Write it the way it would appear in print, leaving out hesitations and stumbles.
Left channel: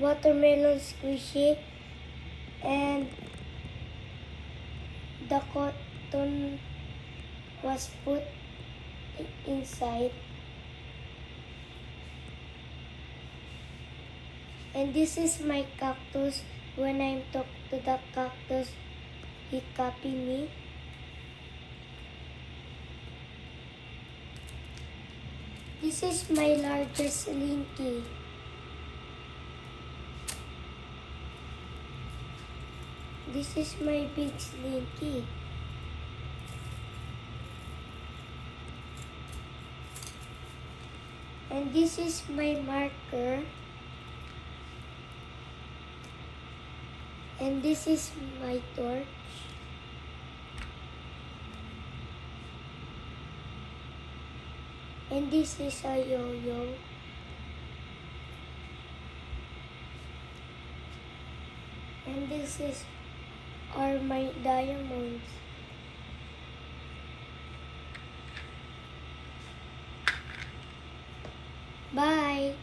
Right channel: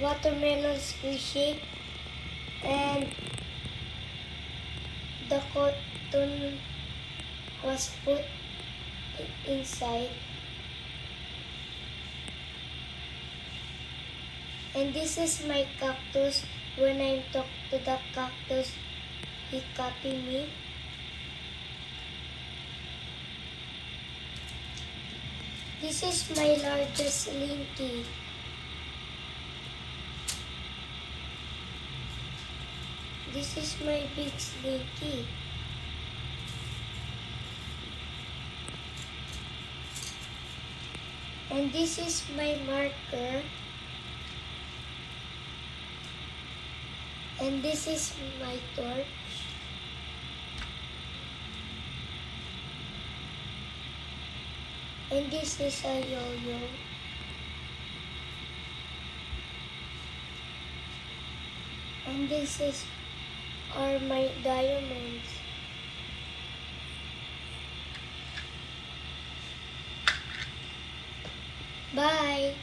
watermelon squishy, and the cotton was put inside. And this is my cactus. When I talk to the cactus, he copy me. This is my largest slinky. This is my big slinky. And this is my marker. And this is my torch. And this is a yo-yo. And this are my diamonds. Bye!